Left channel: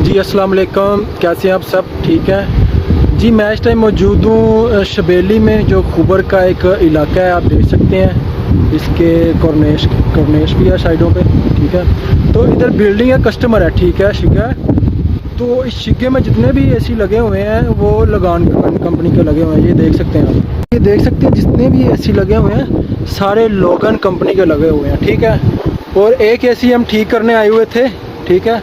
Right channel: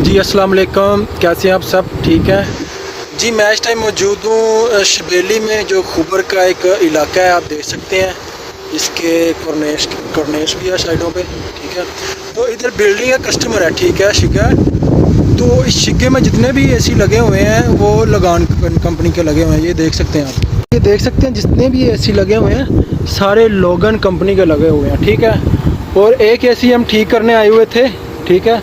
जी अस्सलाम वालेकुम, कैसे हैं आप? सब ठीक है जी। मैं इस टाइम मौजूद हूँ शबेली में, जो खुबर का एक इलाका है। आप देख सकते हैं इसके कॉर्नेश भी है साइडों पे, ठीक है। तो इधर बिल्डिंग है, कस्टमर है, ठीक है, शिगा है। तो इस शिगे में जितने भी एसी लगे हुए हैं वो लगान कंपनी के लगे हुए हैं। ये देख सकते हैं आप, ये देख सकते हैं जितने भी एसी लगे हुए हैं सारे लोगन कंपनी के लगे हुए हैं, ठीक है। और एक एसी हम ठीक करने आए हुए थे, ठीक है।